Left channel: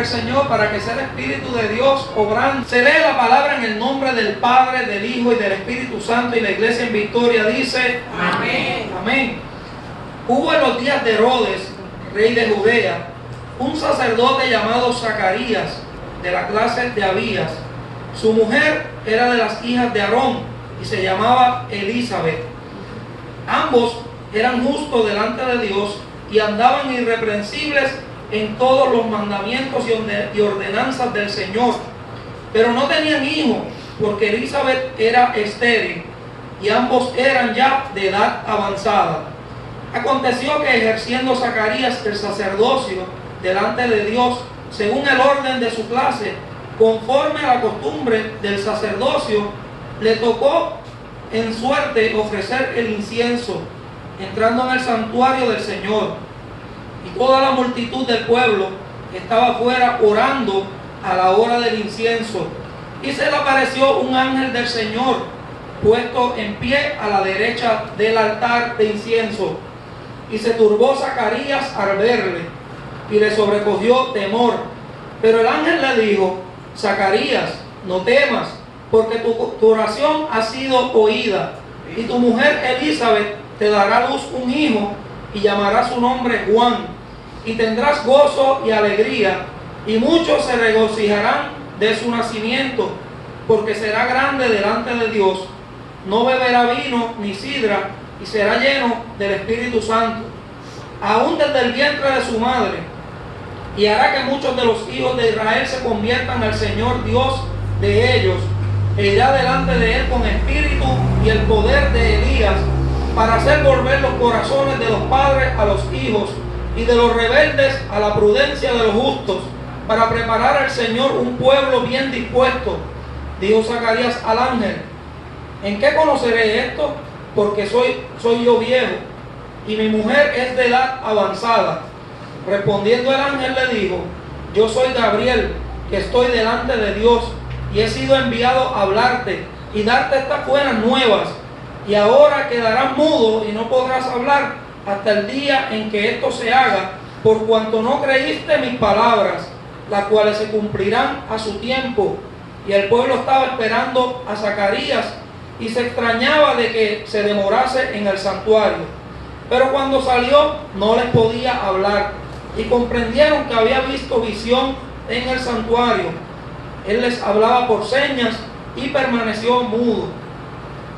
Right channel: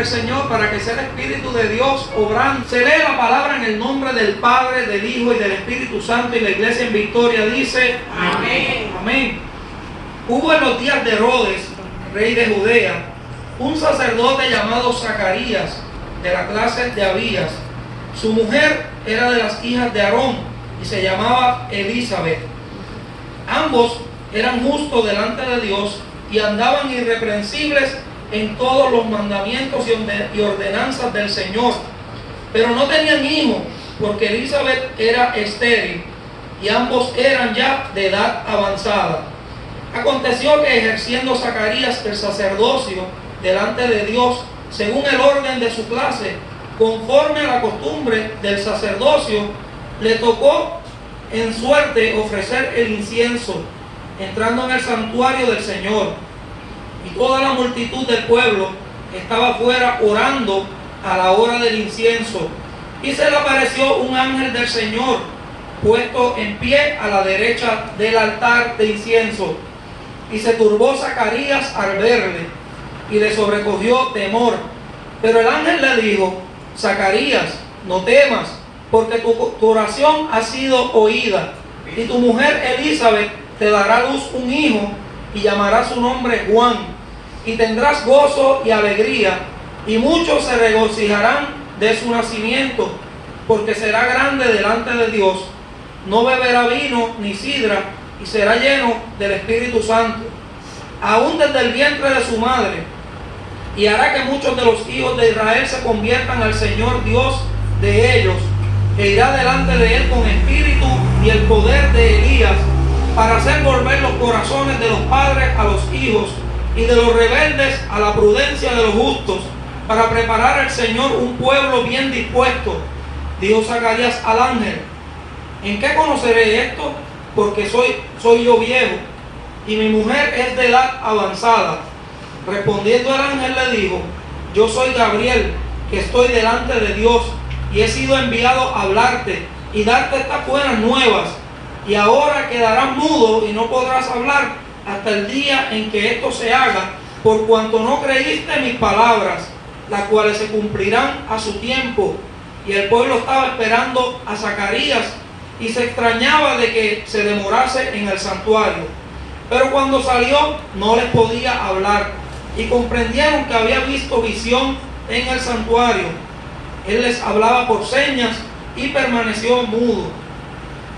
al Señor, para que sea el Espíritu de Dios obrando. Se lee la palabra en el nombre del Padre, del Hijo y del Espíritu Santo, y la iglesia en victoria dice: amén. Amén. Hubo en los días de Herodes, rey de Judea, un sacerdote llamado Zacarías, de la clase de Abías. Su mujer era de las hijas de Aarón y se llamaba Elizabeth. Ambos eran justos delante de Dios y andaban irreprensibles en todos los mandamientos y ordenanzas del Señor. Pero no tenían hijos, porque Elizabeth era estéril y ambos eran ya de edad avanzada. Aconteció que, ejerciendo Zacarías el sacerdocio delante de Dios, según el orden de su clase, conforme a la costumbre del sacerdocio, le tocó en suerte ofrecer el incienso, entrando en el santuario del Señor. Y toda la multitud del pueblo estaba afuera orando a la hora del incienso. Y se le apareció un ángel del Señor, puesto en pie a la derecha del altar de incienso. Y se turbó Zacarías al verle, y le sobrecogió temor. Pero el ángel le dijo: Zacarías, no temas, porque tu oración ha sido oída, y tu mujer Elizabeth te dará a luz un hijo, y llamará su nombre Juan, y tendrás gozo y alegría, y muchos se regocijarán de su nacimiento, porque será grande delante de Dios. No beberá vino ni sidra, y será lleno del Espíritu Santo, aún desde el vientre de su madre, y hará que muchos de los hijos de Israel se conviertan al Señor Dios de ellos, e irá delante de él con espíritu y el poder de Elías, para hacer volver los corazones de los padres a los hijos, y de los rebeldes a la prudencia de los justos, para preparar al Señor un pueblo bien dispuesto. Dijo Zacarías al ángel: ¿en qué conoceré esto? Porque soy yo viejo, y mi mujer es de edad avanzada. Respondiendo el ángel le dijo: yo soy Gabriel, que estoy delante de Dios, y he sido enviado a hablarte y darte estas buenas nuevas. Y ahora quedarás mudo y no podrás hablar hasta el día en que esto se haga, por cuanto no creíste mis palabras, las cuales se cumplirán a su tiempo. Y el pueblo estaba esperando a Zacarías y se extrañaba de que se demorase en el santuario. Pero cuando salió no les podía hablar, y comprendieron que había visto visión en el santuario. Él les hablaba por señas y permaneció mudo.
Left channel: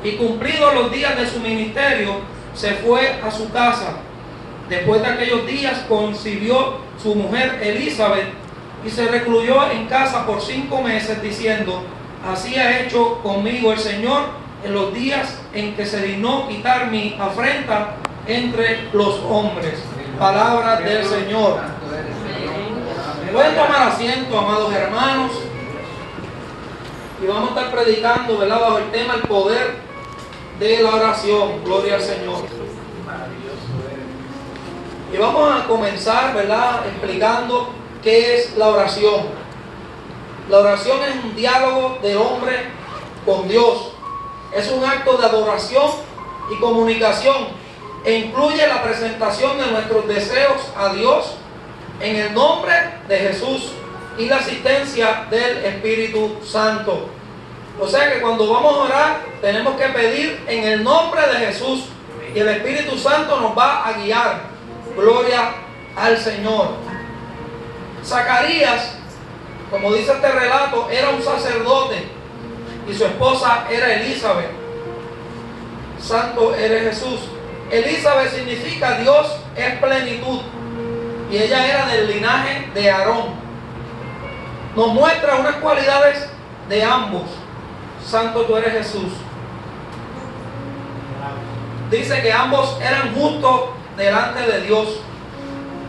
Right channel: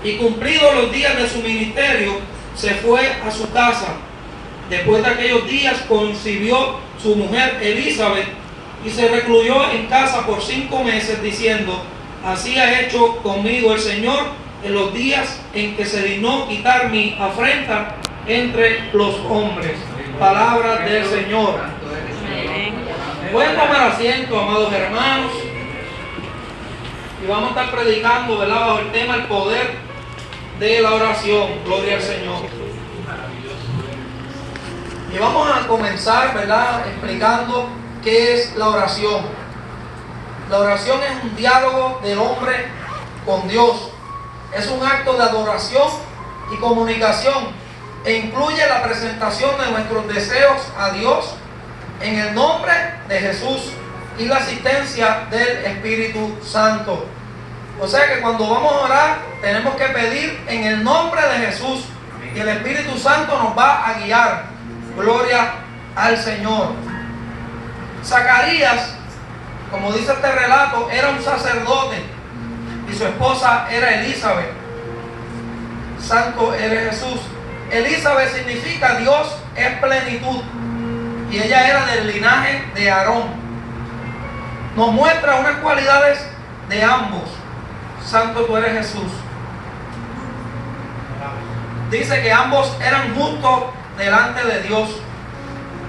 Y cumplidos los días de su ministerio, se fue a su casa. Después de aquellos días concibió su mujer Elizabeth, y se recluyó en casa por 5 meses, diciendo: así ha hecho conmigo el Señor en los días en que se dignó quitar mi afrenta entre los hombres. Palabra del Señor. Pueden tomar asiento, amados hermanos, y vamos a estar predicando, ¿verdad?, bajo el tema el poder de la oración. Gloria al Señor. Y vamos a comenzar, ¿verdad?, explicando qué es la oración. La oración es un diálogo del hombre con Dios. Es un acto de adoración y comunicación, e incluye la presentación de nuestros deseos a Dios en el nombre de Jesús y la asistencia del Espíritu Santo. O sea que cuando vamos a orar tenemos que pedir en el nombre de Jesús, y el Espíritu Santo nos va a guiar. Gloria al Señor. Zacarías, como dice este relato, era un sacerdote y su esposa era Elizabeth. Santo eres Jesús. Elizabeth significa Dios es plenitud, y ella era del linaje de Aarón. Nos muestra unas cualidades de ambos. Santo tú eres Jesús. Dice que ambos eran justos delante de Dios.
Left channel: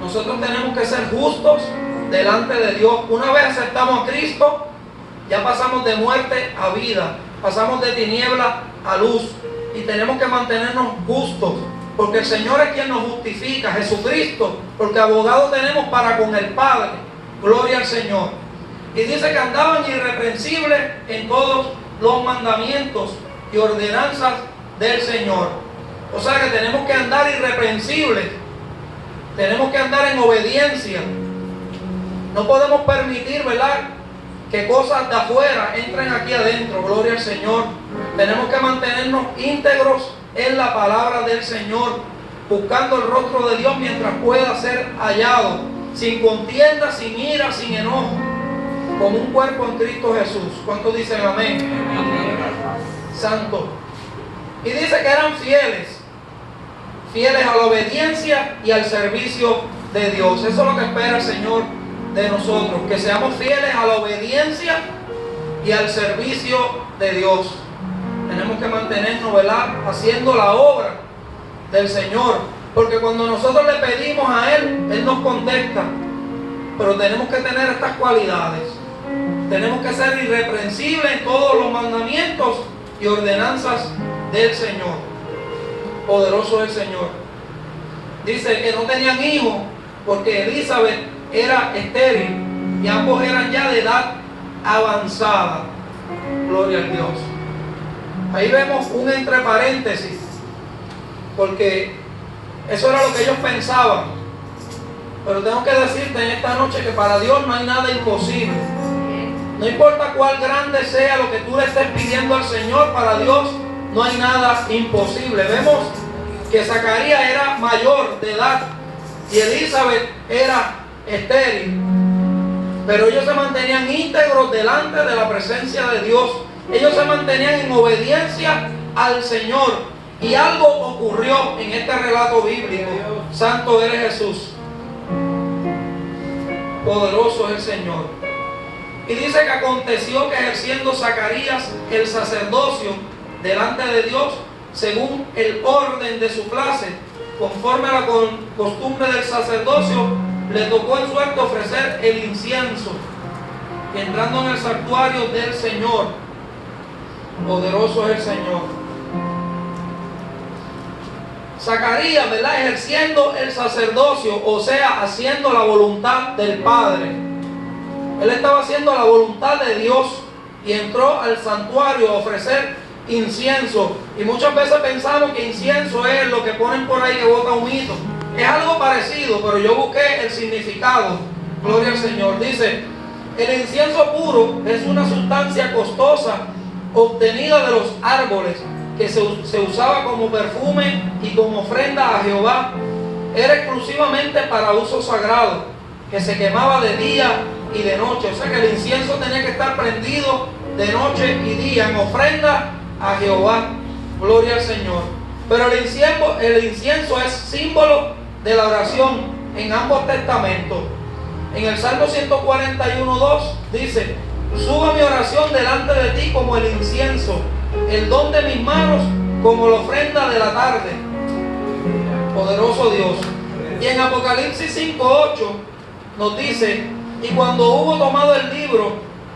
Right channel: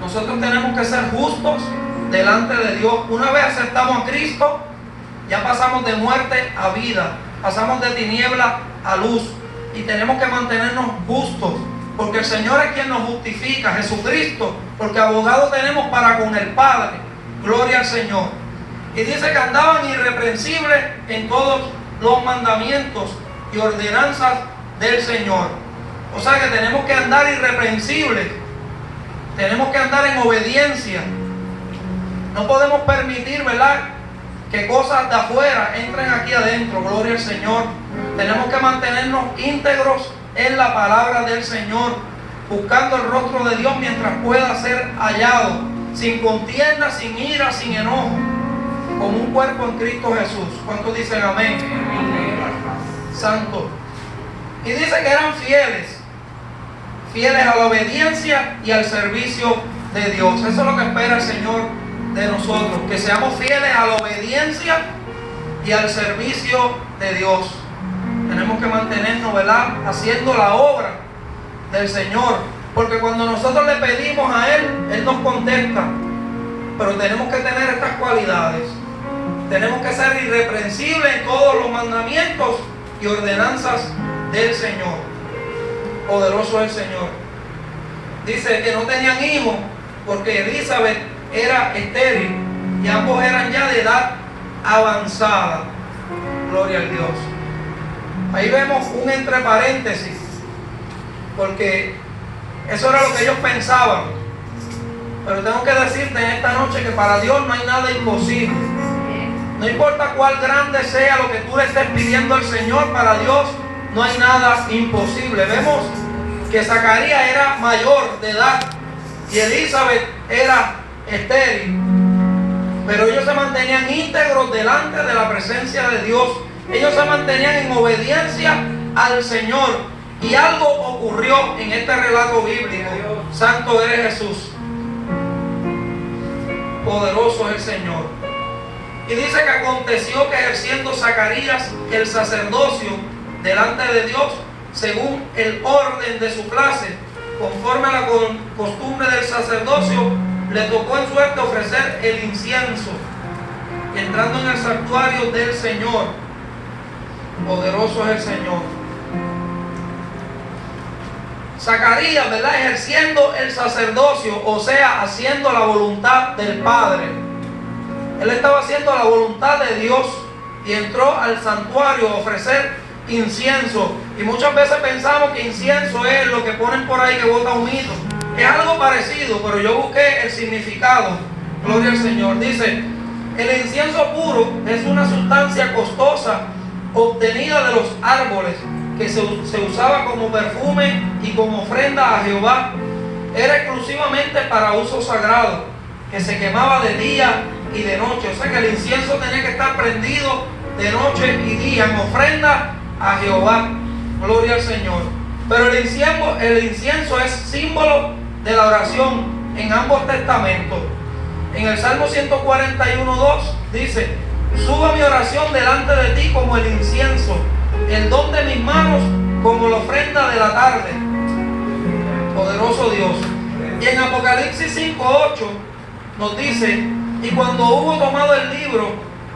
Nosotros tenemos que ser justos delante de Dios. Una vez aceptamos a Cristo, ya pasamos de muerte a vida, pasamos de tiniebla a luz, y tenemos que mantenernos justos, porque el Señor es quien nos justifica, Jesucristo, porque abogado tenemos para con el Padre. Gloria al Señor. Y dice que andaban irreprensibles en todos los mandamientos y ordenanzas del Señor. O sea que tenemos que andar irreprensibles, tenemos que andar en obediencia. No podemos permitir, ¿verdad?, que cosas de afuera entren aquí adentro. Gloria al Señor. Tenemos que mantenernos íntegros en la palabra del Señor, buscando el rostro de Dios mientras pueda ser hallado, sin contienda, sin ira, sin enojo, como un cuerpo en Cristo Jesús. ¿Cuántos dicen amén? Amén. Santo. Y dice que eran fieles a la obediencia y al servicio de Dios. Eso es lo que espera el Señor de nosotros, que seamos fieles a la obediencia y al servicio de Dios. Tenemos que mantenernos, ¿verdad?, haciendo la obra del Señor, porque cuando nosotros le pedimos a Él, Él nos contesta. Pero tenemos que tener estas cualidades. Tenemos que ser irreprensibles en todos los mandamientos y ordenanzas del Señor. Poderoso es el Señor. Dice que no tenían hijos porque Elizabeth era estéril y ambos eran ya de edad avanzada. Gloria al Dios. Ahí vemos un entre paréntesis, porque eso era lo que ellos pensaban. Pero tengo que decirte en esta noche que para Dios no hay nada imposible. No importa cuál grande sea lo que tú le estés pidiendo al Señor, para Dios no hay nada imposible. Vemos que Zacarías era mayor de edad y Elizabeth era estéril, pero ellos se mantenían íntegros delante de la presencia de Dios. Ellos se mantenían en obediencia al Señor, y algo ocurrió en este relato bíblico. Santo eres Jesús, poderoso es el Señor. Y dice que aconteció que ejerciendo Zacarías el sacerdocio delante de Dios, según el orden de su clase, conforme a la costumbre del sacerdocio, le tocó en suerte ofrecer el incienso, y entrando en el santuario del Señor, poderoso es el Señor. Zacarías, ¿verdad?, ejerciendo el sacerdocio, o sea, haciendo la voluntad del Padre. Él estaba haciendo la voluntad de Dios y entró al santuario a ofrecer incienso. Y muchas veces pensamos que incienso es lo que ponen por ahí que bota humito. Es algo parecido, pero yo busqué el significado. Gloria al Señor. Dice, el incienso puro es una sustancia costosa obtenida de los árboles que se usaba como perfume y como ofrenda a Jehová. Era exclusivamente para uso sagrado, que se quemaba de día y de noche. O sea que el incienso tenía que estar prendido de noche y día en ofrenda a Jehová. Gloria al Señor. Pero el incienso es símbolo de la oración en ambos testamentos. En el Salmo 141:2 dice, suba mi oración delante de ti como el incienso, el don de mis manos como la ofrenda de la tarde. Poderoso Dios. Y en Apocalipsis 5:8 nos dice, y cuando hubo tomado el libro,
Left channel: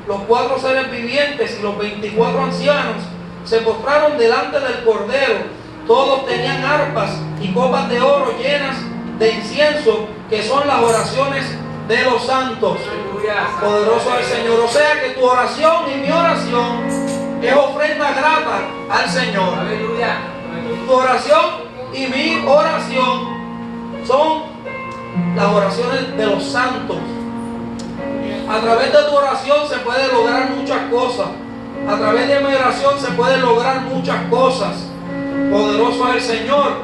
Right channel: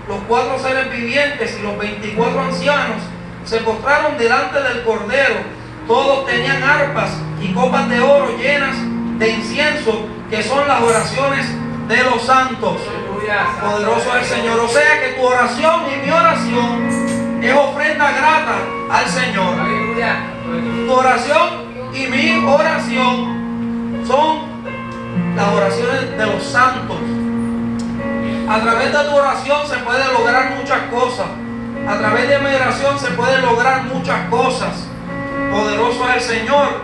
los 4 seres vivientes y los 24 ancianos se postraron delante del Cordero. Todos tenían arpas y copas de oro llenas de incienso, que son las oraciones de los santos. Poderoso es el Señor. O sea que tu oración y mi oración es ofrenda grata al Señor. Tu oración y mi oración son las oraciones de los santos. A través de tu oración se puede lograr muchas cosas. A través de mi oración se pueden lograr muchas cosas. Poderoso es el Señor.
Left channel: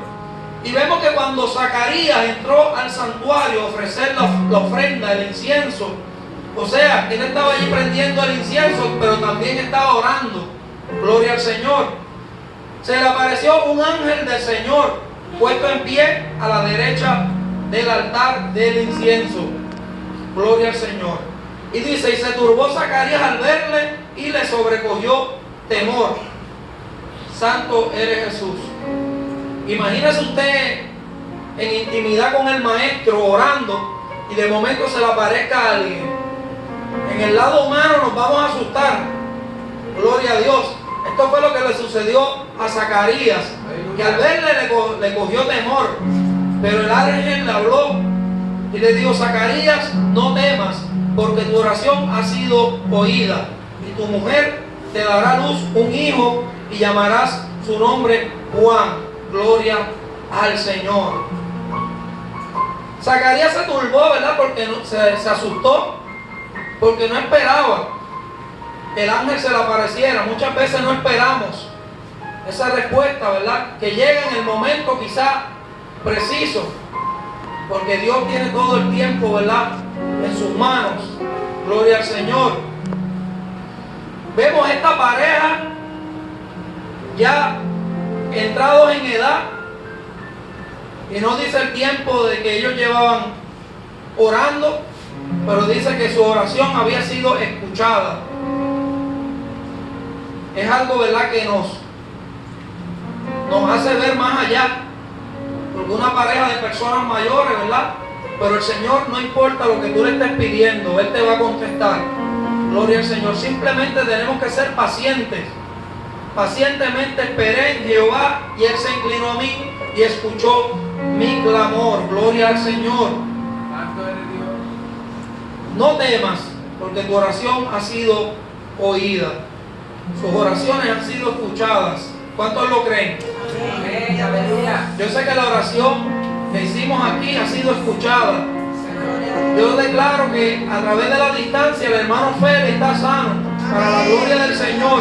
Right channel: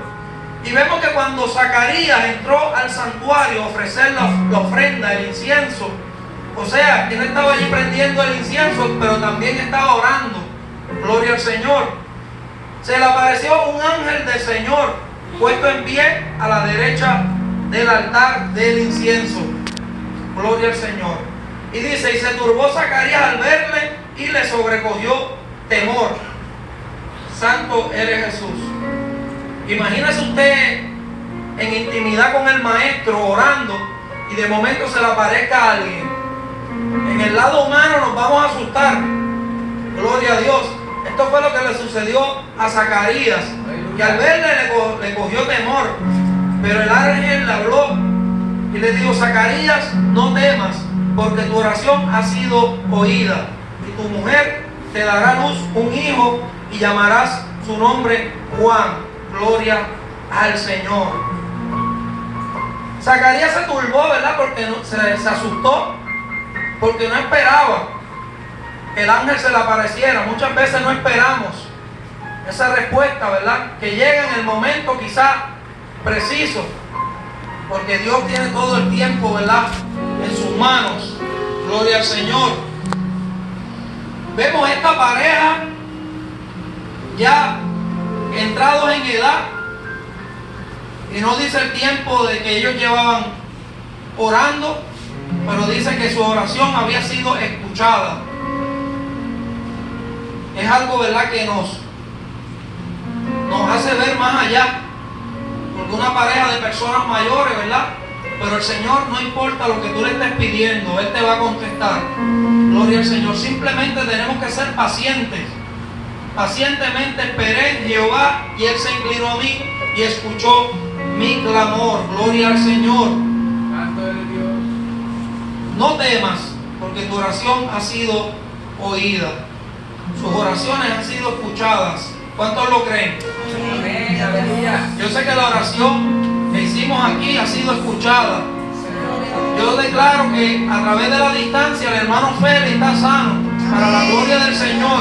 Y vemos que cuando Zacarías entró al santuario a ofrecer la ofrenda, el incienso, o sea, él estaba allí prendiendo el incienso, pero también estaba orando. Gloria al Señor. Se le apareció un ángel del Señor puesto en pie a la derecha del altar del incienso. Gloria al Señor. Y dice, y se turbó Zacarías al verle y le sobrecogió temor. Santo eres Jesús. Imagínese usted en intimidad con el maestro orando y de momento se le aparezca alguien. En el lado humano nos vamos a asustar. Gloria a Dios. Esto fue lo que le sucedió a Zacarías, que al verle le cogió temor. Pero el ángel le habló y le dijo, Zacarías, no temas, porque tu oración ha sido oída, y tu mujer te dará a luz un hijo y llamarás su nombre Juan. Gloria al Señor. Zacarías se turbó, ¿verdad?, porque se asustó, porque no esperaba que el ángel se le apareciera. Muchas veces no esperamos esa respuesta, ¿verdad? Que llegue en el momento quizá preciso, porque Dios tiene todo el tiempo, ¿verdad?, en sus manos. Gloria al Señor. Vemos esta pareja ya entrados en edad, y no dice el tiempo de que ellos llevaban orando, pero dice que su oración había sido escuchada. Es algo, ¿verdad?, que nos hace ver más allá, porque una pareja de personas mayores, ¿verdad?, pero el Señor, no importa lo que tú le estés pidiendo, Él te va a contestar. Gloria al Señor. Simplemente tenemos que ser pacientes. Pacientemente esperé en Jehová, y Él se inclinó a mí y escuchó mi clamor. Gloria al Señor. No temas, porque tu oración ha sido oída. Sus oraciones han sido escuchadas. ¿Cuántos lo creen? Yo sé que la oración que hicimos aquí ha sido escuchada. Yo declaro que a través de la distancia el hermano Félix está sano, para la gloria del Señor.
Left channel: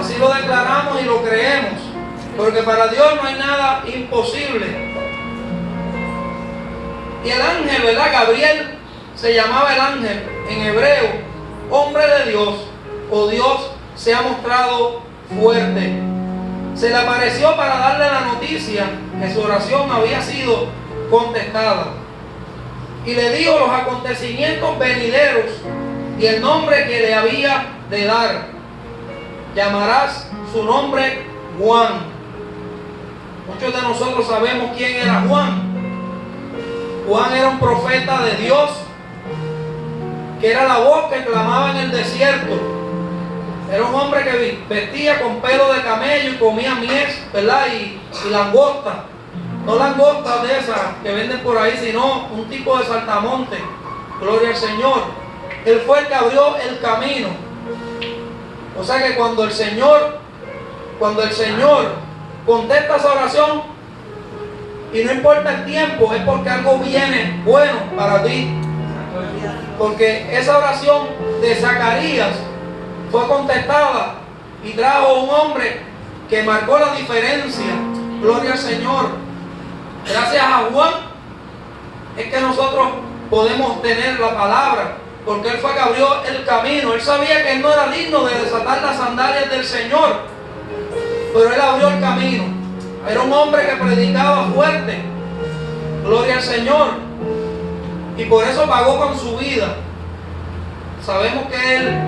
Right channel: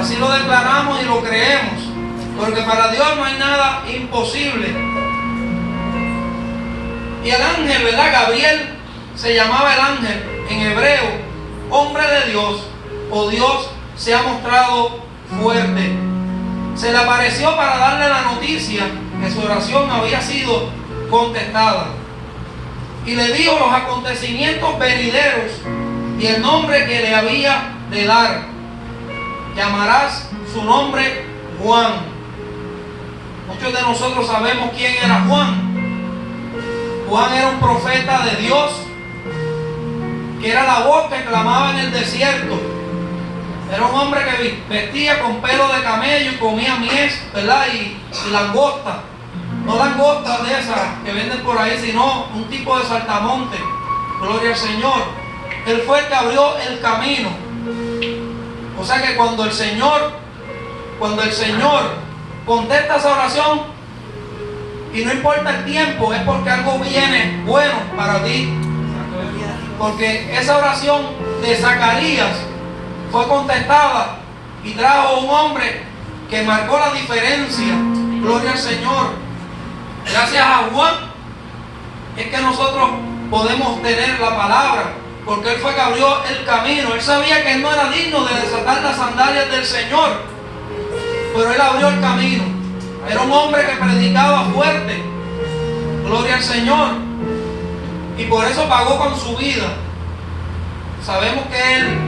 Así lo declaramos y lo creemos, porque para Dios no hay nada imposible. Y el ángel, ¿verdad? Gabriel se llamaba el ángel en hebreo, hombre de Dios, o Dios se ha mostrado fuerte. Se le apareció para darle la noticia que su oración había sido contestada. Y le dijo los acontecimientos venideros y el nombre que le había de dar. Llamarás su nombre Juan. Muchos de nosotros sabemos quién era Juan. Juan era un profeta de Dios, que era la voz que clamaba en el desierto. Era un hombre que vestía con pelo de camello y comía mies, ¿verdad? Y langosta. No langostas de esas que venden por ahí, sino un tipo de saltamonte. Gloria al Señor. Él fue el que abrió el camino. O sea que cuando el Señor contesta esa oración, y no importa el tiempo, es porque algo viene bueno para ti. Porque esa oración de Zacarías fue contestada y trajo un hombre que marcó la diferencia. Gloria al Señor. Gracias a Juan es que nosotros podemos tener la palabra, porque él fue que abrió el camino. Él sabía que él no era digno de desatar las sandalias del Señor, pero él abrió el camino. Era un hombre que predicaba fuerte. Gloria al Señor. Y por eso pagó con su vida. Sabemos que él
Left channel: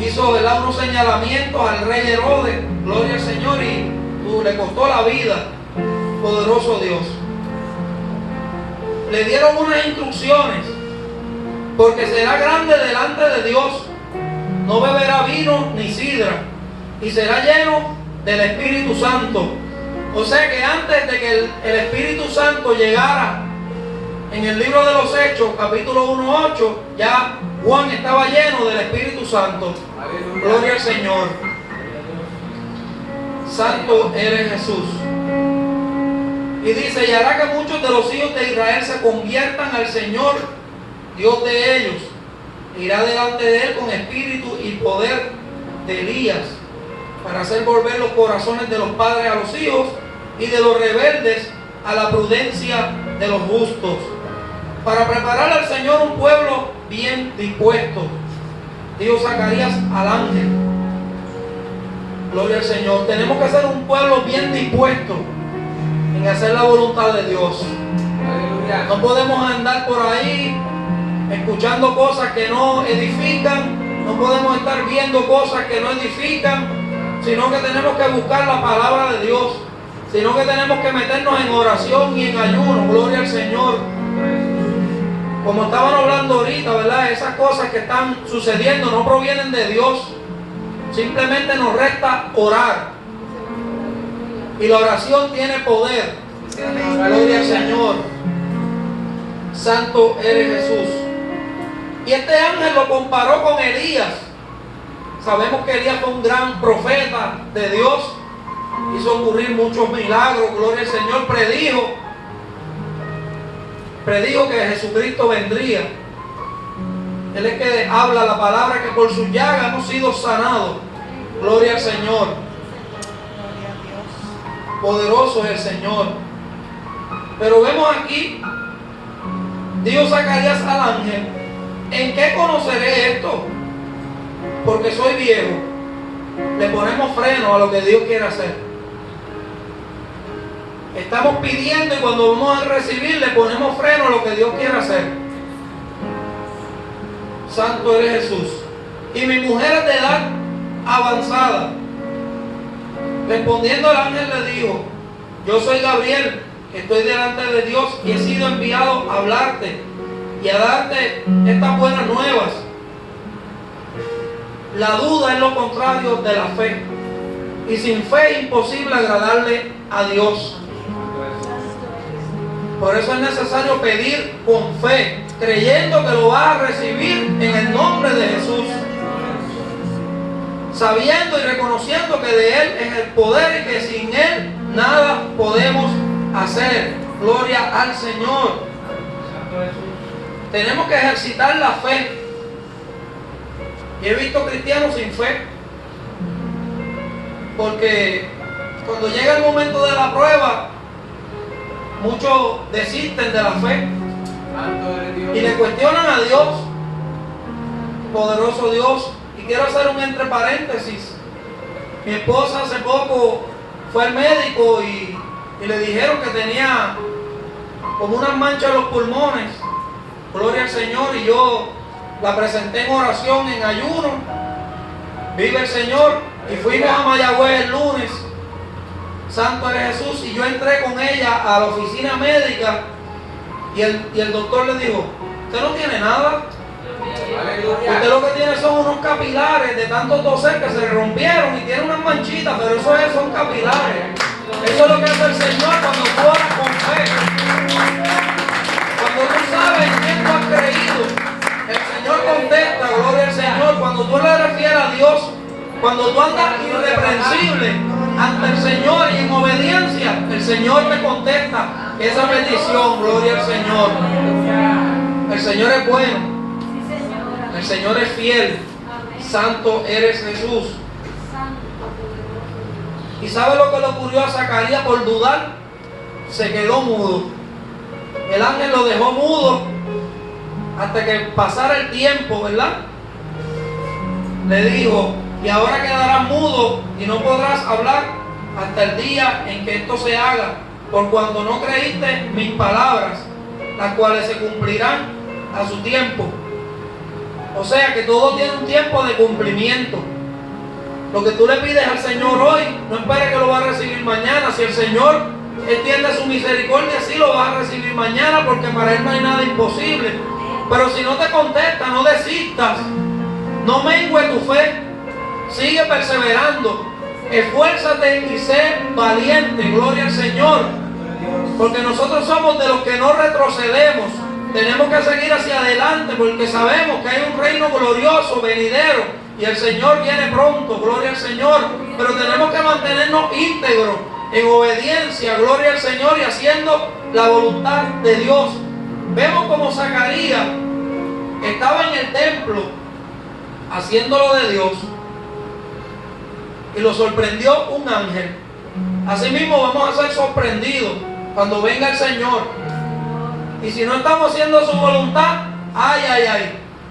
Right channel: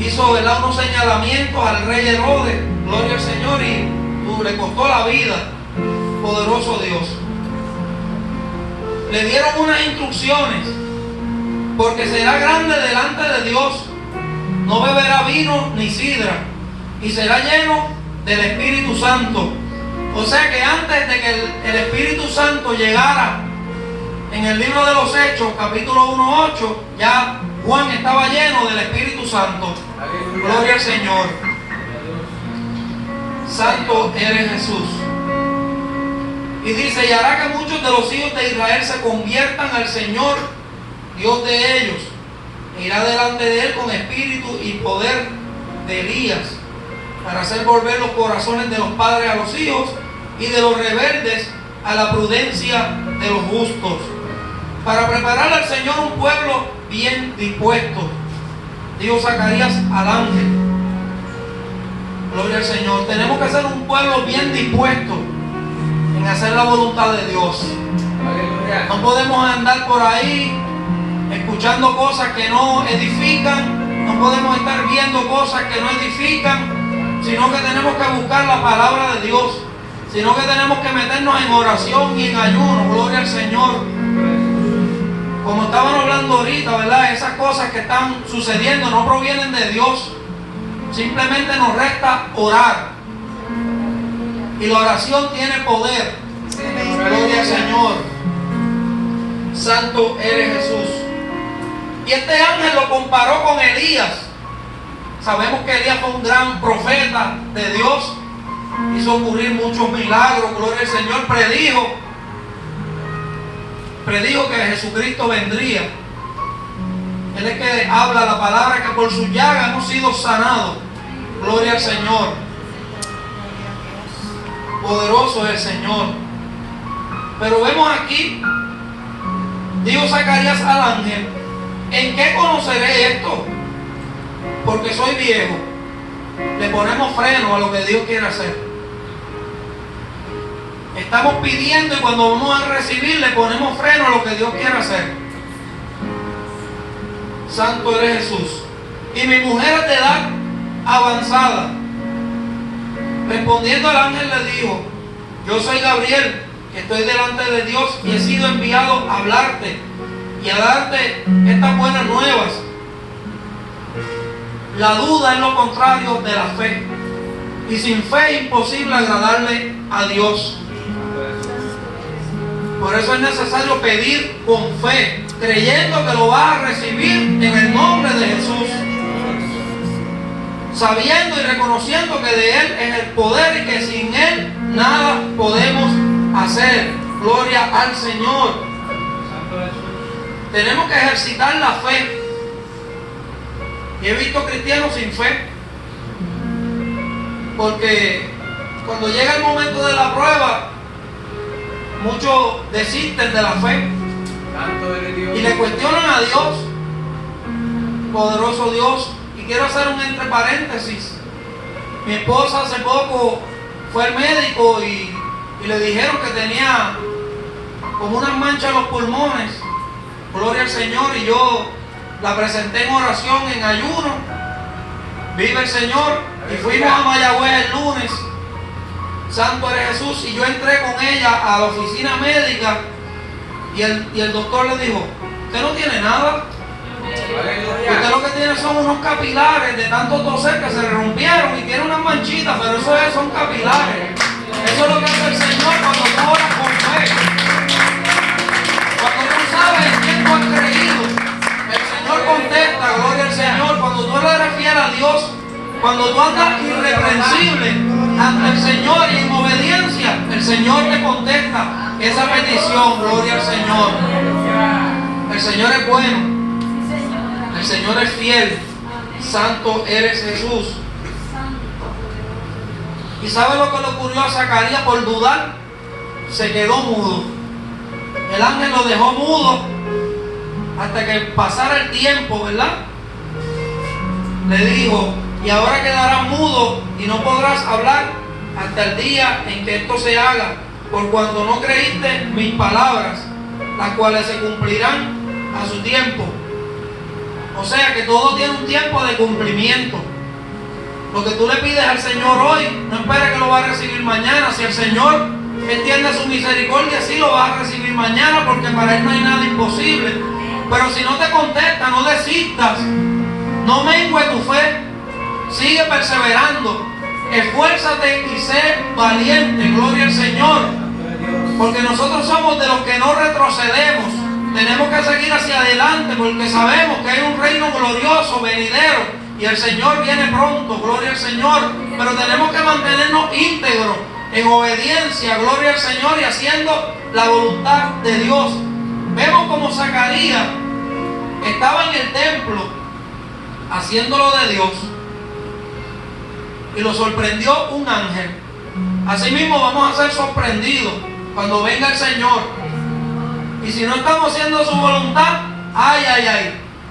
hizo, ¿verdad?, unos señalamientos al rey Herodes. Gloria al Señor. Y le costó la vida. Poderoso Dios. Le dieron unas instrucciones, porque será grande delante de Dios, no beberá vino ni sidra, y será lleno del Espíritu Santo. O sea que antes de que el Espíritu Santo llegara, en el libro de los Hechos, capítulo 1:8, ya Juan estaba lleno del Espíritu Santo. Gloria al Señor. Santo eres Jesús. Y dice, y hará que muchos de los hijos de Israel se conviertan al Señor, Dios de ellos. Irá delante de él con espíritu y poder de Elías, para hacer volver los corazones de los padres a los hijos, y de los rebeldes a la prudencia de los justos, para preparar al Señor un pueblo bien dispuesto. Dijo Zacarías al ángel. Gloria al Señor. Tenemos que ser un pueblo bien dispuesto en hacer la voluntad de Dios. Aleluya. No podemos andar por ahí escuchando cosas que no edifican, no podemos estar viendo cosas que no edifican, sino que tenemos que buscar la palabra de Dios, sino que tenemos que meternos en oración y en ayuno. Gloria al Señor. Como estaban hablando ahorita, ¿verdad? Esas cosas que están sucediendo no provienen de Dios. Simplemente nos resta orar. Y la oración tiene poder. Gloria al Señor. Santo eres Jesús. Y este ángel lo comparó con Elías. Sabemos que Elías fue un gran profeta de Dios. Hizo ocurrir muchos milagros. Gloria al Señor. Predijo que Jesucristo vendría. Él es que habla la palabra, que por su llaga hemos sido sanados. Gloria al Señor. Poderoso es el Señor. Pero vemos aquí, dijo Zacarías al ángel: ¿en qué conoceré esto? Porque soy viejo. Le ponemos freno a lo que Dios quiere hacer. Estamos pidiendo y cuando vamos a recibir le ponemos freno a lo que Dios quiere hacer. Santo eres Jesús. Y mi mujer es de edad avanzada. Respondiendo el ángel le dijo: yo soy Gabriel, que estoy delante de Dios y he sido enviado a hablarte y a darte estas buenas nuevas. La duda es lo contrario de la fe, y sin fe es imposible agradarle a Dios. Por eso es necesario pedir con fe, creyendo que lo vas a recibir en el nombre de Jesús, sabiendo y reconociendo que de Él es el poder y que sin Él nada podemos hacer. Gloria al Señor. Tenemos que ejercitar la fe. Y he visto cristianos sin fe, porque cuando llega el momento de la prueba, muchos desisten de la fe y le cuestionan a Dios, poderoso Dios. Y quiero hacer un entre paréntesis. Mi esposa hace poco fue al médico y le dijeron que tenía como unas manchas en los pulmones. Gloria al Señor. Y yo la presenté en oración, en ayuno. Vive el Señor. Y fuimos a Mayagüez el lunes. Santo eres Jesús. Y yo entré con ella a la oficina médica y el doctor le dijo: usted no tiene nada. Usted lo que tiene son unos capilares de tanto toser que se rompieron y tiene unas manchitas, pero eso son capilares. Eso es lo que hace el Señor cuando tú oras con fe. Cuando tú sabes en quién tú has creído, el Señor contesta. Gloria al Señor. Cuando tú le refieres a Dios, cuando tú andas irreprensible ante el Señor y en obediencia, el Señor te contesta esa petición. Gloria al Señor. El Señor es bueno. El Señor es fiel. Santo eres Jesús. ¿Y sabe lo que le ocurrió a Zacarías por dudar? Se quedó mudo. El ángel lo dejó mudo hasta que pasara el tiempo, ¿verdad? Le dijo: y ahora quedarás mudo y no podrás hablar hasta el día en que esto se haga, por cuanto no creíste mis palabras, las cuales se cumplirán a su tiempo. O sea que todo tiene un tiempo de cumplimiento. Lo que tú le pides al Señor hoy, no esperes que lo va a recibir mañana. Si el Señor entiende su misericordia, sí lo va a recibir mañana, porque para Él no hay nada imposible. Pero si no te contesta, no desistas. No mengue tu fe. Sigue perseverando. Esfuérzate y sé valiente. Gloria al Señor. Porque nosotros somos de los que no retrocedemos. Tenemos que seguir hacia adelante, porque sabemos que hay un reino glorioso, venidero, y el Señor viene pronto. Gloria al Señor. Pero tenemos que mantenernos íntegros, en obediencia, gloria al Señor, y haciendo la voluntad de Dios. Vemos como Zacarías estaba en el templo haciéndolo de Dios y lo sorprendió un ángel. Asimismo vamos a ser sorprendidos cuando venga el Señor. Y si no estamos haciendo su voluntad,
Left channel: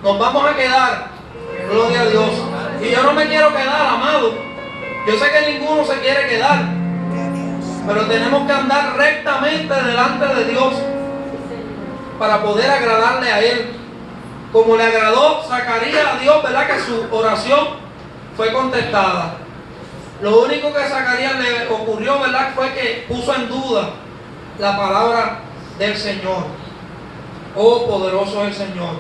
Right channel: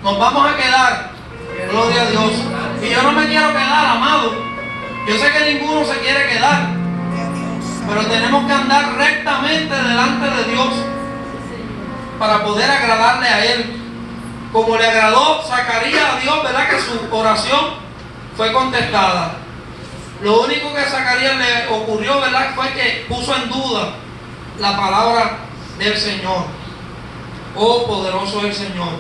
nos vamos a quedar. Gloria a Dios. Y yo no me quiero quedar, amado. Yo sé que ninguno se quiere quedar, pero tenemos que andar rectamente delante de Dios para poder agradarle a Él. Como le agradó Zacarías a Dios, ¿verdad? Que su oración fue contestada. Lo único que a Zacarías le ocurrió, ¿verdad?, fue que puso en duda la palabra del Señor. Oh, poderoso es el Señor.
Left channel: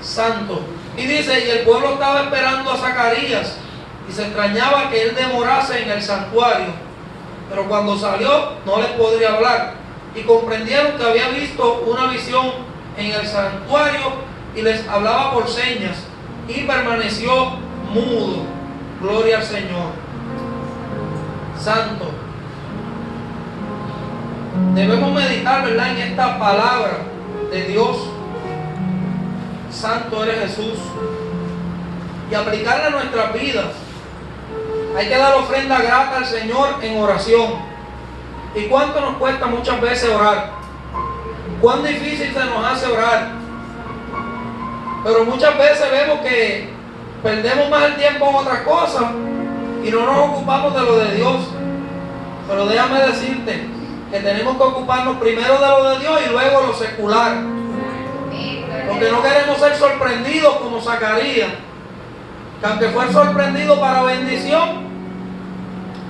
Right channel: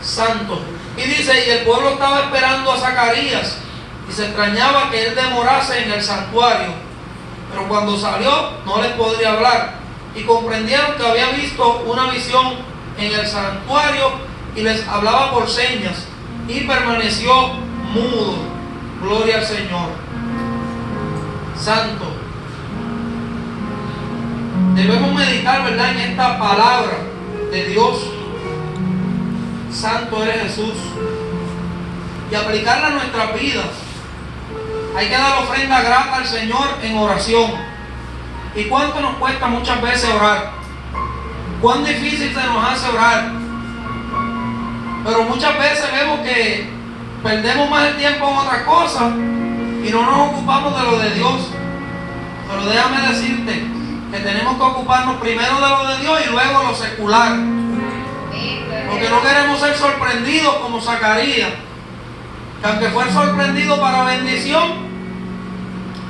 Santo. Y dice: y el pueblo estaba esperando a Zacarías, y se extrañaba que él demorase en el santuario. Pero cuando salió, no les podría hablar. Y comprendieron que había visto una visión en el santuario, y les hablaba por señas, y permaneció mudo. Gloria al Señor. Santo. Debemos meditar, ¿verdad?, en esta palabra de Dios. Santo eres Jesús, y aplicarla a nuestras vidas. Hay que dar ofrenda grata al Señor en oración. ¿Y cuánto nos cuesta muchas veces orar? ¿Cuán difícil se nos hace orar? Pero muchas veces vemos que perdemos más el tiempo en otras cosas y no nos ocupamos de lo de Dios. Pero déjame decirte que tenemos que ocuparnos primero de lo de Dios y luego lo secular. Porque no queremos ser sorprendidos como Zacarías, que aunque fue sorprendido para bendición,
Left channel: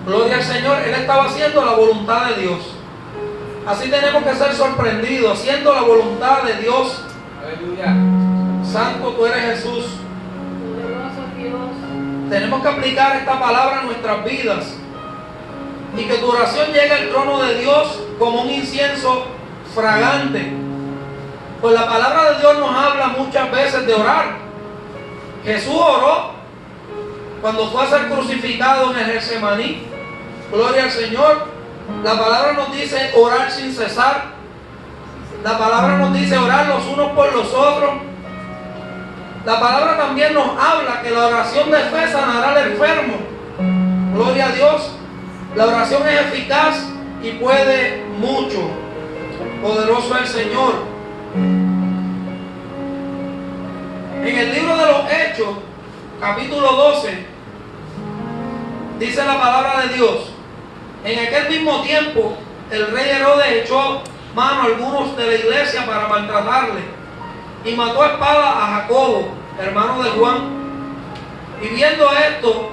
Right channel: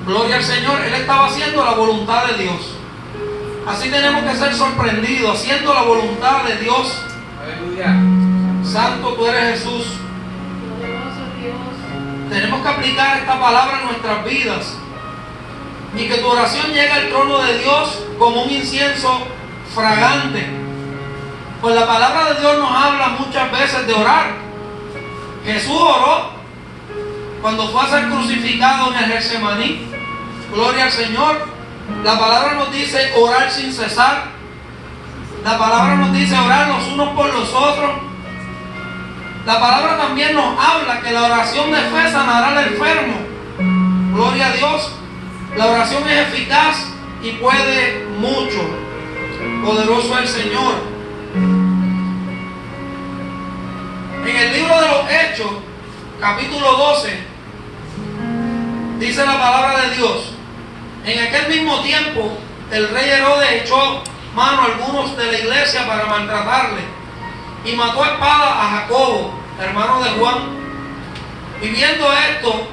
gloria al Señor, él estaba haciendo la voluntad de Dios. Así tenemos que ser sorprendidos, haciendo la voluntad de Dios. Aleluya. Santo tú eres Jesús. Tenemos que aplicar esta palabra en nuestras vidas y que tu oración llegue al trono de Dios como un incienso fragante. Pues la palabra de Dios nos habla muchas veces de orar. Jesús oró cuando fue a ser crucificado en el Getsemaní. Gloria al Señor. La palabra nos dice orar sin cesar. La palabra nos dice orar los unos por los otros. La palabra también nos habla que la oración de fe sanará al enfermo. Gloria a Dios. La oración es eficaz y puede mucho. Poderoso es el Señor. En el libro de los Hechos, capítulo 12, dice la palabra de Dios: en aquel mismo tiempo, el rey Herodes echó mano a algunos de la iglesia para maltratarle y mató a espada a Jacobo, hermano de Juan. Y viendo esto,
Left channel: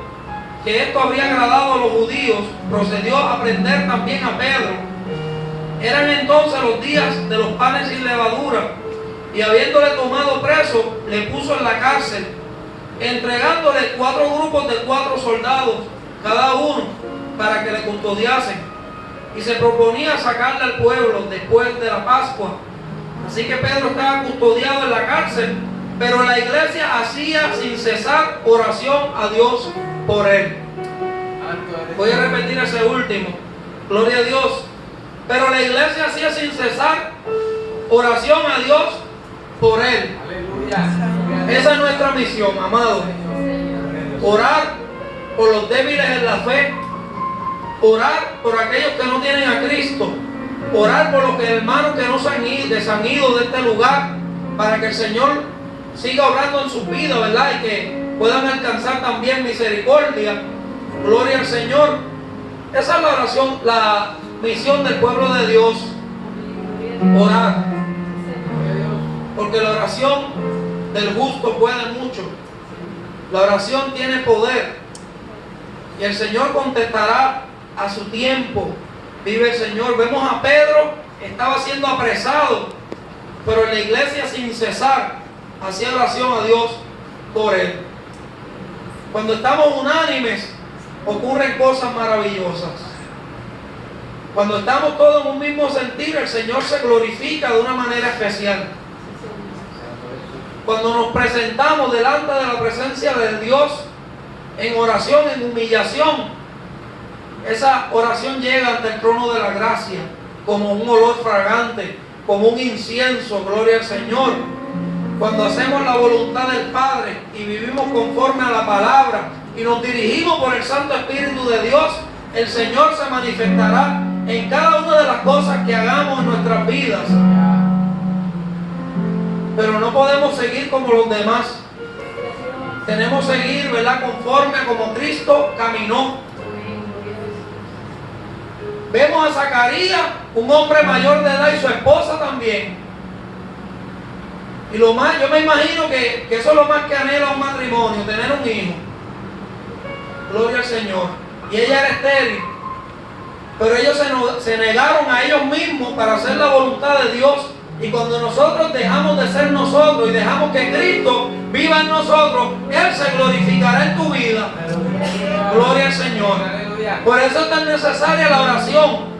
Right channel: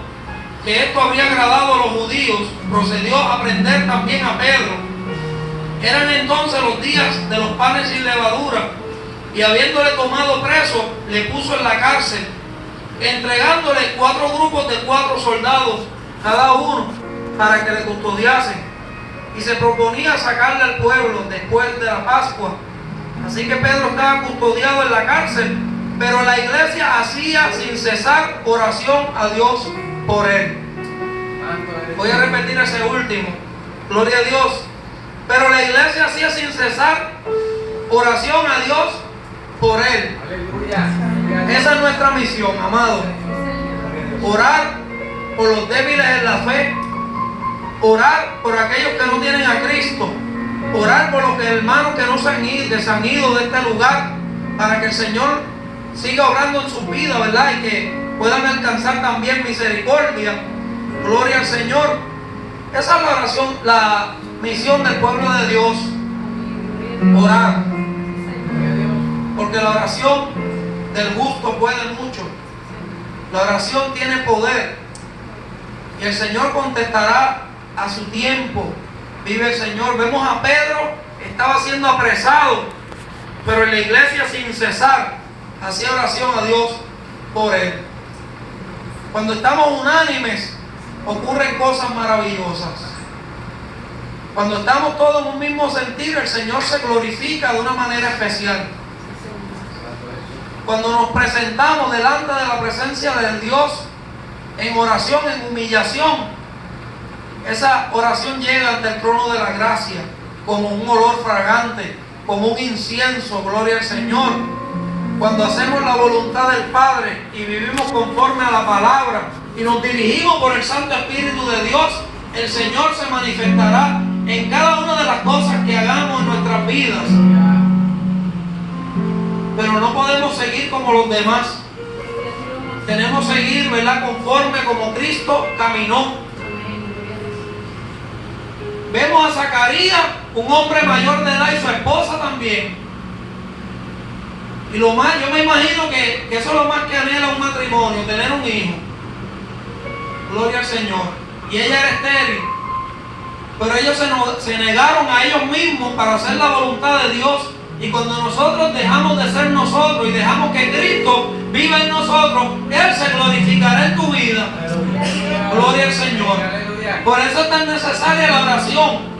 que esto habría agradado a los judíos, procedió a prender también a Pedro. Eran entonces los días de los panes sin levadura, y habiéndole tomado preso, le puso en la cárcel, entregándole 4 grupos de 4 soldados cada uno, para que le custodiasen, y se proponía sacarle al pueblo después de la Pascua. Así que Pedro estaba custodiado en la cárcel, pero la iglesia hacía sin cesar oración a Dios por él. Voy a repetir ese último. Gloria a Dios. Pero la iglesia hacía sin cesar oración a Dios por él. Esa es nuestra misión, amado. Orar por los débiles en la fe. Orar por aquellos que no tienen a Cristo. Orar por los hermanos que no se han ido de este lugar, para que el Señor siga obrando en sus vidas, ¿verdad? Y que puedan alcanzar también misericordia. Gloria al Señor. Esa es la oración, la misión del pueblo de Dios. Orar. Porque la oración del justo puede mucho. La oración tiene poder. Y el Señor contestará a su tiempo. Vive el Señor. Vemos a Pedro, estaba siendo apresado, pero en la iglesia sin cesar hacía oración a Dios por él. Cuando estamos unánimes, ocurren cosas maravillosas. Cuando estamos todos en un mismo sentir, el Señor se glorifica de una manera especial. Cuando nos presentamos delante de la presencia de Dios en oración, en humillación, esa oración llega ante el trono de la gracia como un olor fragante, como un incienso. Gloria al Señor. Cuando hacemos la voluntad del Padre y vivimos conforme a la palabra y nos dirigimos por el Santo Espíritu de Dios, el Señor se manifestará en cada una de las cosas que hagamos en nuestras vidas. Pero no podemos seguir como los demás. Tenemos que seguir, ¿verdad?, conforme como Cristo caminó. Vemos a Zacarías, un hombre mayor de edad, y su esposa también. Y lo más, yo me imagino que eso es lo más que anhela un matrimonio, tener un hijo. Gloria al Señor. Y ella era estéril. Pero ellos se negaron a ellos mismos para hacer la voluntad de Dios. Y cuando nosotros dejamos de ser nosotros y dejamos que Cristo viva en nosotros, Él se glorificará en tu vida. Gloria al Señor. Por eso es tan necesaria la oración.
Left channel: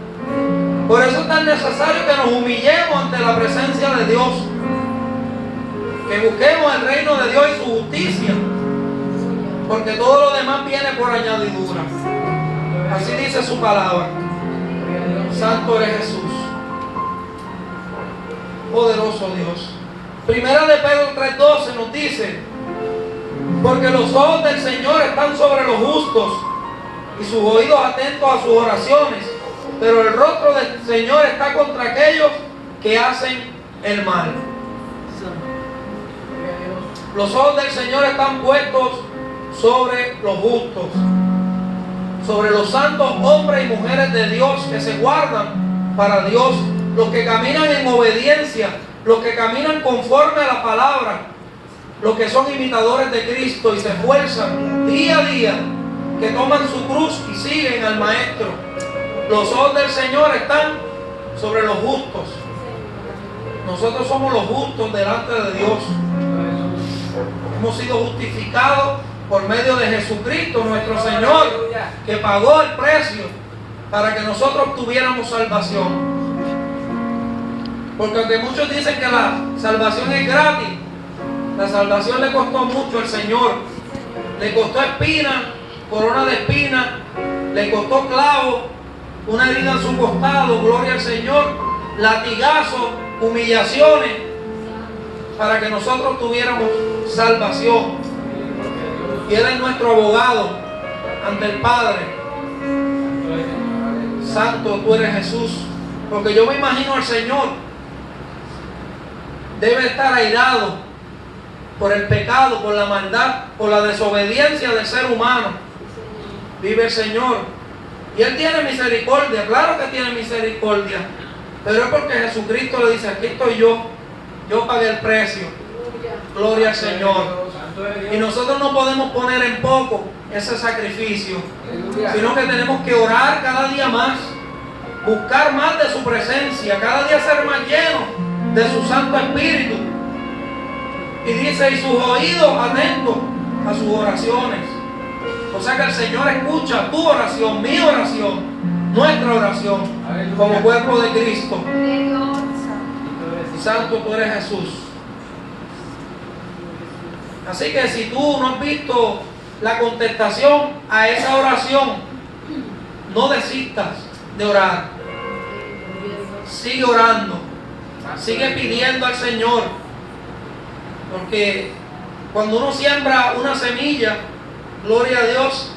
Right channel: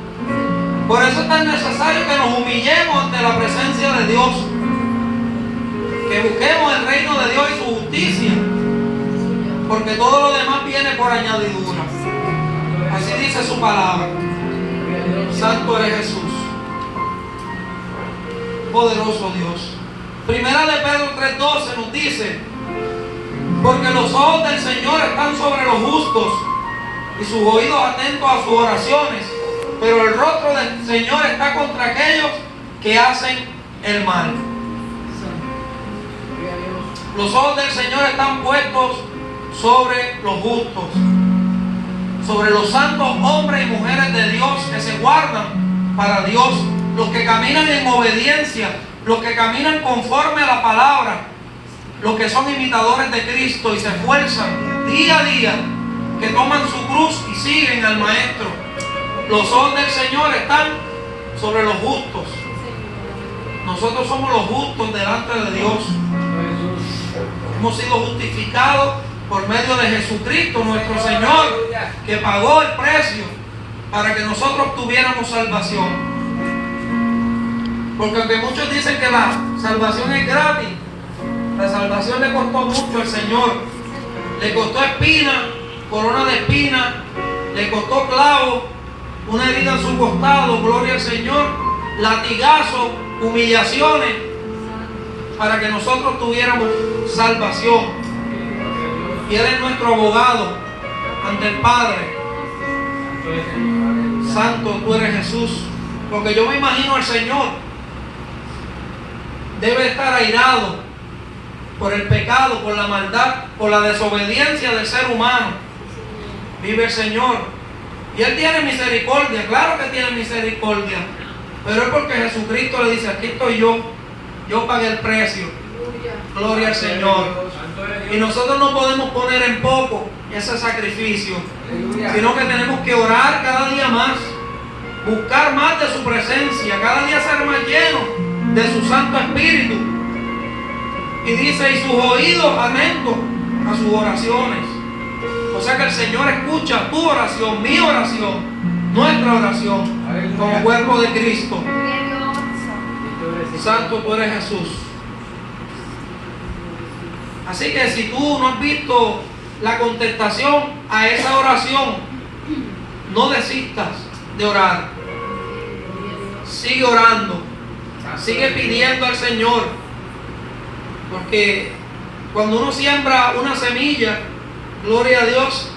Por eso es tan necesario que nos humillemos ante la presencia de Dios. Que busquemos el reino de Dios y su justicia. Porque todo lo demás viene por añadidura. Así dice su palabra. Santo es Jesús. Poderoso Dios. Primera de Pedro 3:12 nos dice: porque los ojos del Señor están sobre los justos y sus oídos atentos a sus oraciones, pero el rostro del Señor está contra aquellos que hacen el mal. Los ojos del Señor están puestos sobre los justos, sobre los santos hombres y mujeres de Dios que se guardan para Dios, los que caminan en obediencia, los que caminan conforme a la palabra, los que son imitadores de Cristo y se esfuerzan día a día, que toman su cruz y siguen al Maestro. Los ojos del Señor están sobre los justos. Nosotros somos los justos delante de Dios. Hemos sido justificados por medio de Jesucristo, nuestro Señor, que pagó el precio para que nosotros tuviéramos salvación. Porque aunque muchos dicen que la salvación es gratis, la salvación le costó mucho al Señor. Le costó espina, corona de espina, le costó clavo, una herida en su costado, gloria al Señor, latigazo, humillaciones, para que nosotros tuviéramos salvación. Y Él es nuestro abogado ante el Padre. Santo tú eres Jesús. Porque yo me imagino al Señor debe estar airado por el pecado, por la maldad, por la desobediencia del ser humano. Vive el Señor. Y Él tiene misericordia, claro que tiene misericordia. Pero es porque Jesucristo le dice: aquí estoy yo pagué el precio. Gloria al Señor. Y nosotros no podemos poner en poco ese sacrificio, sino que tenemos que orar cada día más, buscar más de su presencia, cada día ser más llenos de su Santo Espíritu. Y dice: y sus oídos atentos a sus oraciones. O sea que el Señor escucha tu oración, mi oración, nuestra oración, como cuerpo de Cristo. Santo tú eres Jesús. Así que si tú no has visto la contestación a esa oración, no desistas de orar. Sigue orando, sigue pidiendo al Señor, porque cuando uno siembra una semilla, gloria a Dios,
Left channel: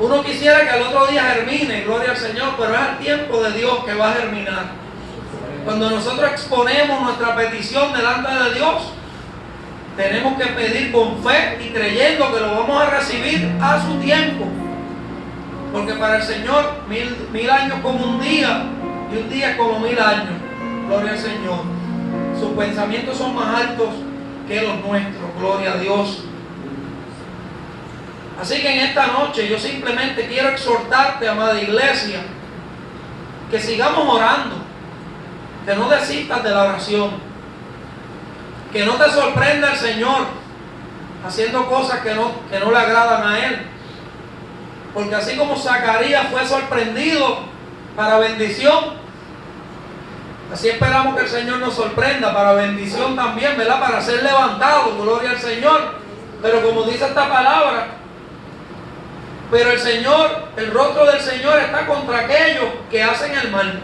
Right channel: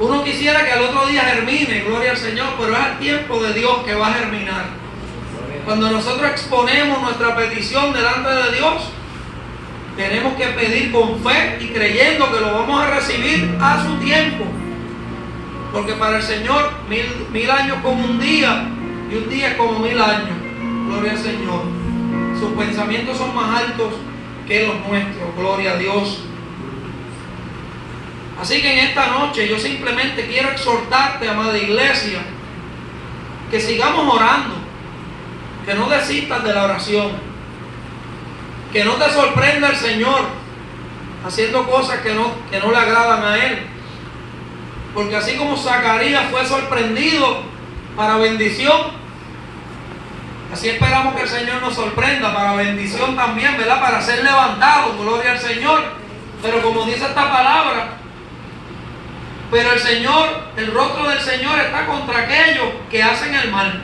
uno quisiera que al otro día germine, gloria al Señor, pero es el tiempo de Dios que va a germinar. Cuando nosotros exponemos nuestra petición delante de Dios, tenemos que pedir con fe y creyendo que lo vamos a recibir a su tiempo. Porque para el Señor, mil años como un día, y un día como 1000 años. Gloria al Señor. Sus pensamientos son más altos que los nuestros. Gloria a Dios. Así que en esta noche yo simplemente quiero exhortarte, amada iglesia, que sigamos orando, que no desistas de la oración, que no te sorprenda el Señor haciendo cosas que no le agradan a Él. Porque así como Zacarías fue sorprendido para bendición, así esperamos que el Señor nos sorprenda para bendición también, ¿verdad? Para ser levantado, gloria al Señor. Pero como dice esta palabra, pero el Señor, el rostro del Señor está contra aquellos que hacen el mal.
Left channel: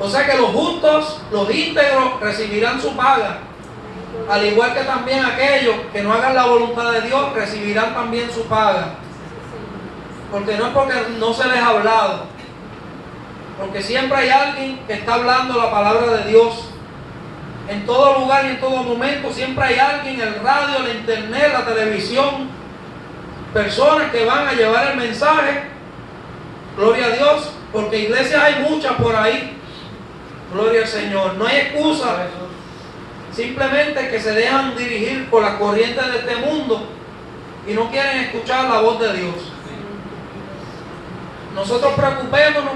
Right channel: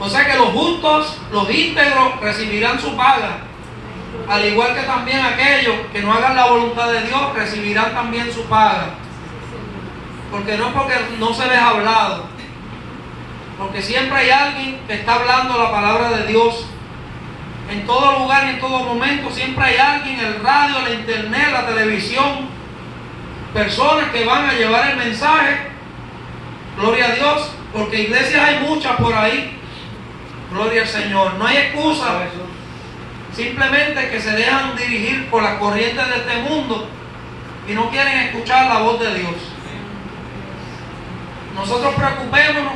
O sea que los justos, los íntegros recibirán su paga, al igual que también aquellos que no hagan la voluntad de Dios recibirán también su paga. Porque no es porque no se les ha hablado, porque siempre hay alguien que está hablando la palabra de Dios. En todo lugar y en todo momento siempre hay alguien, el radio, la internet, la televisión, personas que van a llevar el mensaje. Gloria a Dios, porque iglesias hay muchas por ahí. Gloria al Señor. No hay excusa. Simplemente que se dejan dirigir por las corrientes de este mundo y no quieren escuchar la voz de Dios. Nosotros preocupémonos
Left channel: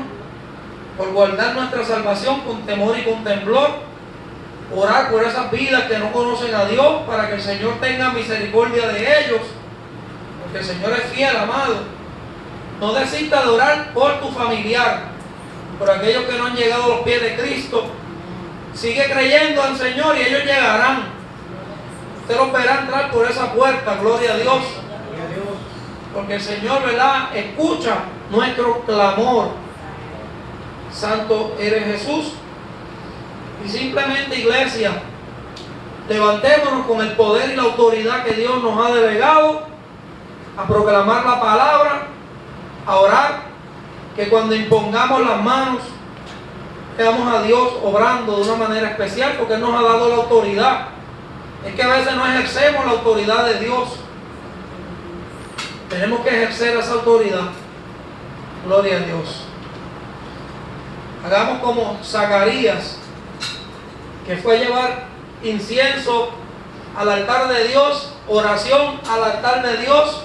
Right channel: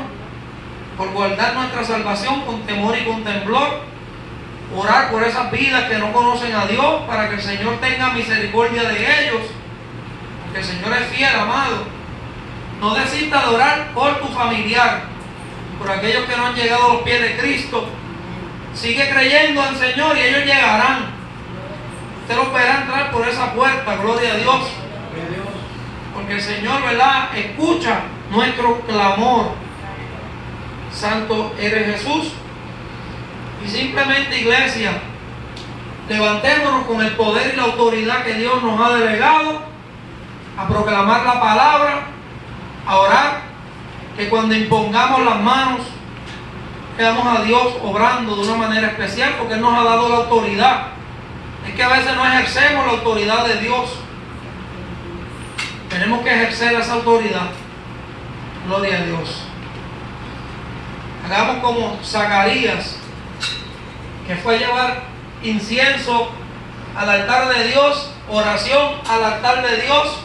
por guardar nuestra salvación con temor y con temblor. Orar por esas vidas que no conocen a Dios para que el Señor tenga misericordia de ellos. Porque el Señor es fiel, amado. No desistas de orar por tu familiar, por aquellos que no han llegado a los pies de Cristo. Sigue creyendo al Señor y ellos llegarán. Usted los verá entrar por esa puerta, gloria a Dios. Porque el Señor, ¿verdad?, escucha nuestro clamor. Santo eres Jesús. Y simplemente, iglesia, levantémonos con el poder y la autoridad que Dios nos ha delegado a proclamar la palabra, a orar, que cuando impongamos las manos veamos a Dios obrando de una manera especial, porque Él nos ha dado la autoridad. Es que a veces no ejercemos la autoridad de Dios. Tenemos que ejercer esa autoridad. Gloria a Dios. Hagamos como Zacarías, que fue a llevar incienso al altar de Dios, oración al altar de Dios,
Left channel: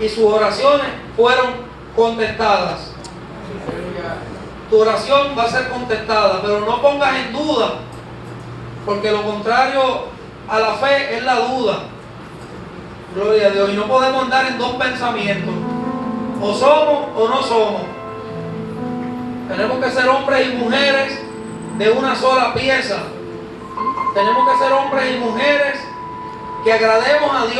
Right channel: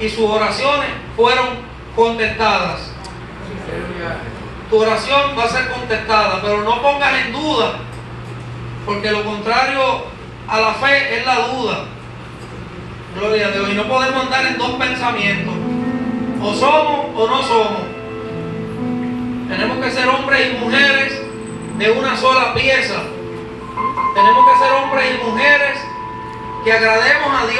y sus oraciones fueron contestadas. Tu oración va a ser contestada, pero no pongas en duda, porque lo contrario a la fe es la duda. Gloria a Dios. Y no podemos andar en dos pensamientos: o somos o no somos. Tenemos que ser hombres y mujeres de una sola pieza. Tenemos que ser hombres y mujeres que agrademos a Dios.